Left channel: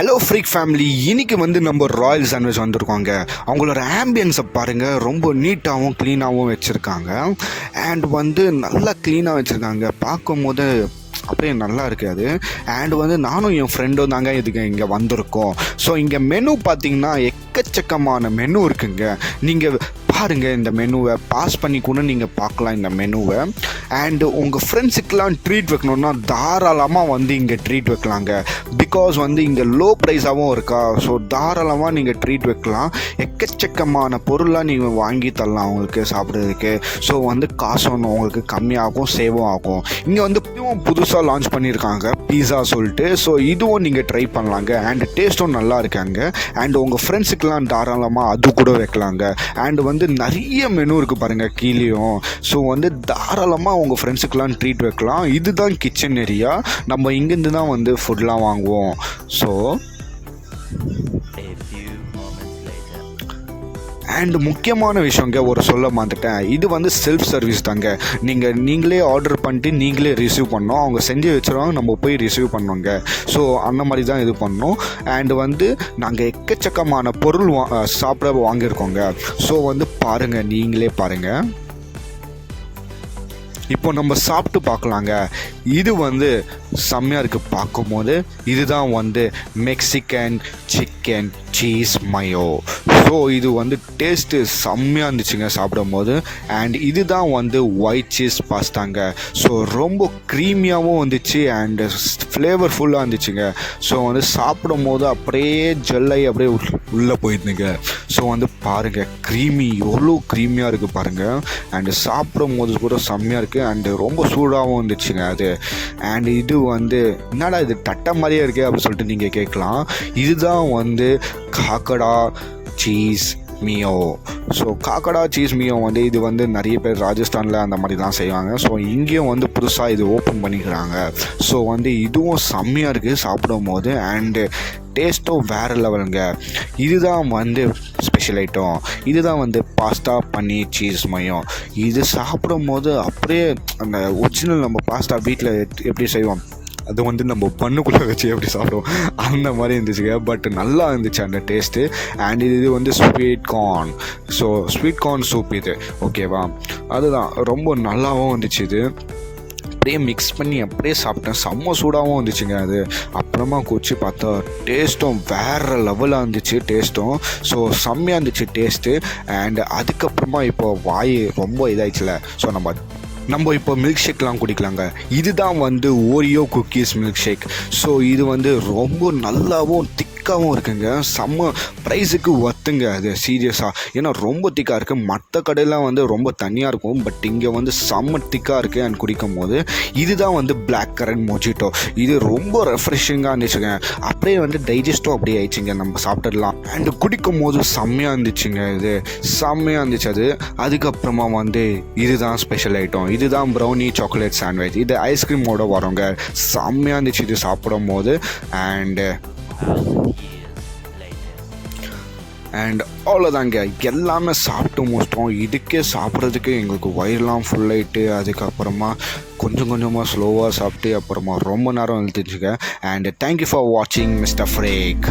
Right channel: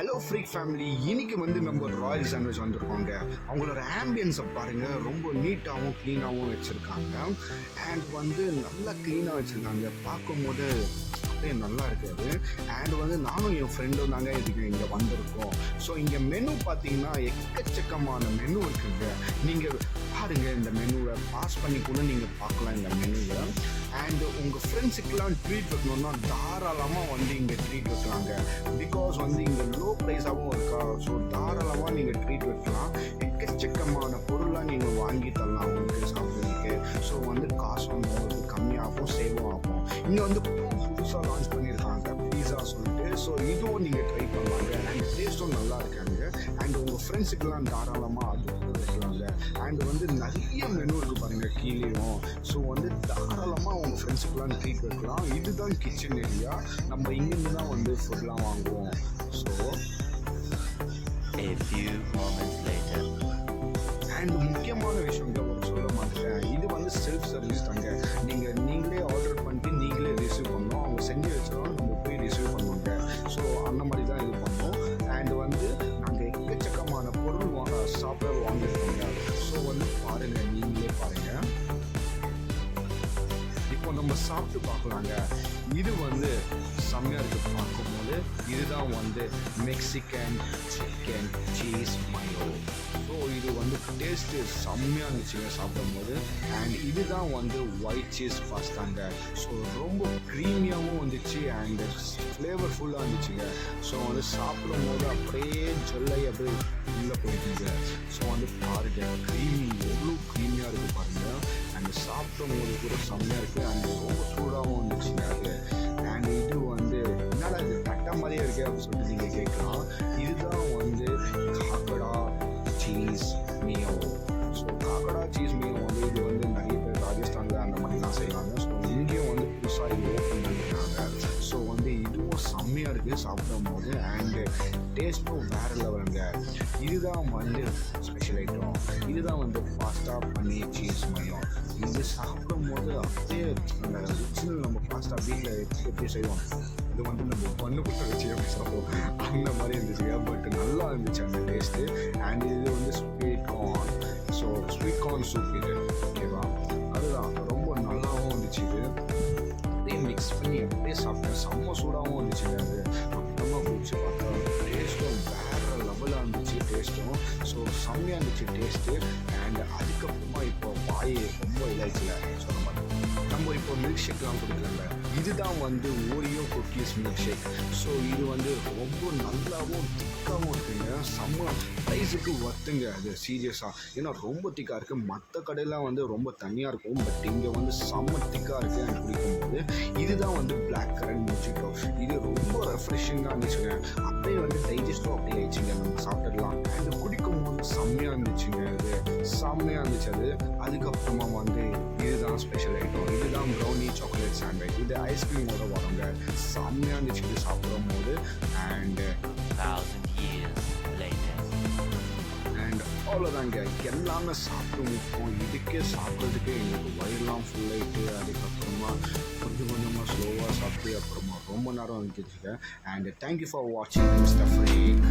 Hello freak family, இன்னைக்கு நம்ம Royal sandwich வந்திருக்கோங்க. அவங்களோட ஆம்பியன்ஸை பாருங்கள், ரொம்ப நீட்டாகவும் க்ளீனாகவும் வச்சுருக்காங்க. அண்ட் நல்லா க்ளீனாக வச்சுருக்காங்க, பார்க்கும் போது அப்படியே நல்லா இருக்காது. அண்ட் நானும் என் ஃப்ரெண்டும் தாங்க இதுக்கு இங்கே வந்திருக்கோம். ஸோ இங்கே மெனு பார்த்திங்கன்னா எக்கச்சக்கமான மெனு இருக்குங்க. நீங்கள் பாருங்கள், இந்த மெனுவை பாஸ் பண்ணி கூட நீங்கள் பார்க்கலாம் இந்த மெனுவை. அண்டு உங்கள் ஃப்ரெண்ட்ஸுக்கெலாம் ட்ரீட் வைக்கணுன்னா தாராளமாக இங்கே ட்ரீட் வைக்கலாங்க. பிகாஸ் இங்கே லோ ப்ரைஸாகவும் இருக்கா. ஸோ தாராளமாக நீங்கள் ட்ரீட் வைக்கலாம். எக்கச்சக்கமான பொருளாக நீங்கள் வாங்கி தரலாம் அவங்களுக்கு சாப்பிட்றதுக்கு. ஸோ காசும் உங்களுக்கு கம்மியாகும், சேவும் ஆகும். இங்கே புதுசாக லான்ச் பண்ணியிருக்காங்க பீஸா சொல்லிட்டு. ஸோ இதுவும் நீங்கள் ட்ரை பண்ணலாங்க. அண்ட் டேஸ்ட்டும் நல்லா இருக்காங்க. அண்ட் உங்கள் ஃப்ரெண்ட்ஸுக்கெலாம் தாராளமாக அது கூட வைக்கலாங்க. அண்டு நிறைய மெனு இருக்குது பாருங்கள் கீழேயும். ஸோ தாராளமாக உங்கள் ஃப்ரெண்ட்ஸுக்கெலாம் ட்ரீட் வைக்கலாம். இதுதான் கிச்சன் ஏரியா. நம்ம இங்கேருந்து தான் ஃபுட்லாம் வாங்குவோம். ஸோ அண்ட் முக்கியமான விஷயங்க ஒரு சொல்ல மாட்டேன், இது செல்ஃப் சர்வீஸ் தாங்க. நீங்களே ஆர்டர் பண்ணிட்டு நீங்களே ரிசீவ் பண்ணோம். அவங்க செஞ்சு வச்சுருவாங்க, நம்ம போய் ரிசீவ் பண்ணுவோங்க. ஸோ அந்த மாதிரி தான் இது பண்ணோம். அண்டு நாங்கள் எக்கச்சக்கமான பொருள் சாப்பிட வாங்கியிருக்கோங்க. ஸோ பாருங்கள், நீங்களே பாருங்கள். இப்போ நம்ம சாப்பிட்டு பார்க்கலாங்க. இது செம்மையாக இருக்குது பார்க்கும்போது. இதுதான் Mexican chicken cheese mayo. So இது டேஸ்ட்டு செம்மையாக இருந்துச்சுங்க சாப்பிடும் போது. அண்ட் இதுதான் ஒயிட் சீஸ் பாஸ்தாங்க. ஸோ ரொம்ப க்ரீமியாகவும் வந்துச்சு அண்டு ஃப்ளேவர்ஃபுல்லாக இருந்துச்சுங்க. ஸோ சாப்பிடும் போது அப்படியே ஜெல்லாகி அப்படியே உள்ளே போயிருந்துங்க. ஸோ பாருங்கள், க்ரீமி எவ்வளோ க்ரீமியாக இருக்குது பாருங்கள். அண்டு சாப்பிடும் போது கூட செம்மையாக இருக்குது. அண்டு ரொம்ப சூடாகவும் இருந்துச்சுங்க அது. அண்ட் இது என்னடா இது தட்டை மாதிரியே இருக்கே அப்படின்னு சொல்லிட்டு நீங்கள் கேட்கலாம். இதுதான் காக்கடா சீஸ் மியோ. ஸோ காக்கடா சீஸ் மியோ இது நிறைய பேர் ராஜஸ்தானில் அந்த மாதிரி தான் செய்வாங்க. ஸோ இங்கேயும் புதுசாக இது ஓப்பன் பண்ணிக்கிறாங்க. ஸோ இதுவும் செம்மையாக இருக்குது சாப்பிடும் போது. அண்டு டேஸ்ட்டும் வேறு லெவலுங்க. இதுதான் ஸ்பெஷல் ஐட்டம். இதுதான் பாஸ்தா பன்னீர் சீஸ் மயம். இது சாப்பிடும் போது அப்படியே அந்த ஒரிஜினல் நம்ம பாஸ்தா வீட்டில் எப்படி செய்வோம், அது நம்ம பண்ணுக்குள்ளே வச்சு எப்படி சாப்பிடுவோம் அந்த மாதிரி இருந்துச்சுங்க. பட் நல்லா இருந்துச்சு அந்த டேஸ்ட்டு. அண்ட் இது sweet corn. So sweet corn soup இது, ஓகேவா? அதுதான் ரொம்ப நல்லாவும் இருந்துச்சு. இது அப்படியே மிக்ஸ் பண்ணி அப்படியே சாப்பிட்டேன். செம்ம சூடாகவும் இருந்துச்சுங்க அது. அப்புறமா குச்சி பார்த்தா டேஸ்ட்டும் வேறு லெவலாக இருந்துச்சு டேஸ்ட்டும். ஸோ செம்மையாக இருந்துச்சு டேஸ்ட்டு. அண்ட் அதுக்கப்புறமா இப்போ வாய் ரொம்ப இதாகிடுச்சுல. ஸோ நம்ம இப்போ மில்க் ஷேக்லாம் குடிக்கலாங்க. இதுதான் Oreo cookies milk shake. So இது ரொம்ப நல்லாவும் திக்காகவும் இருக்குங்க. செம்ம ப்ரைஸுக்கு ஒர்த்துங்க அது, சீரியஸாக. ஏன்னா ரொம்ப திக்காக இருக்குது. மற்ற கடையெல்லாம் ரொம்ப தனியாக இருக்கும். பட் இங்கே செம்ம திக்காக இருக்குது. அண்ட் குடிக்கும் போது இதுதான் பிளாக் கரண்ட் மொஜிட்டோ. இது ரொம்ப ரெஃப்ரெஷிங்காக இருந்துச்சுங்க. அப்படியே டைஜஸ்ட்டும் அப்படியே ஆயிடுச்சுங்க, நம்ம சாப்பிட்டுடலாம். அண்டு குடிக்கும் போது செம்மையாக இருந்துச்சுங்க. இது செம்மையாக இருந்துச்சு அது. அதுக்கப்புறமா இதுதான் ஸ்பெஷல் ஐட்டம். இதுதான் ப்ரௌனி சாக்லேட் சாண்ட்விச். இது ஐஸ்கிரீமோட வரோங்க. செம்மையாக இருந்துச்சு இது சாப்பிடும் போது. அண்ட் அவ்வளோதாங்க, எல்லாமே சாப்பிட்டு முடிச்சிட்டோம். இதுக்கே சாப்பிட்றதுக்கு எங்களுக்கு வயிறுலாம் ஃபுல்லாகிட்டு, அதுக்கப்புறமா கொஞ்சம் கொஞ்சமாக ஸ்லோவாக சாப்பிட்டு அப்புறமா ரொம்ப நேரம் எழுதிச்சுங்க. அண்ட் தேங்க்யூ ஃபார் வாட்சிங் மிஸ்டர் ஃப்ரேக்.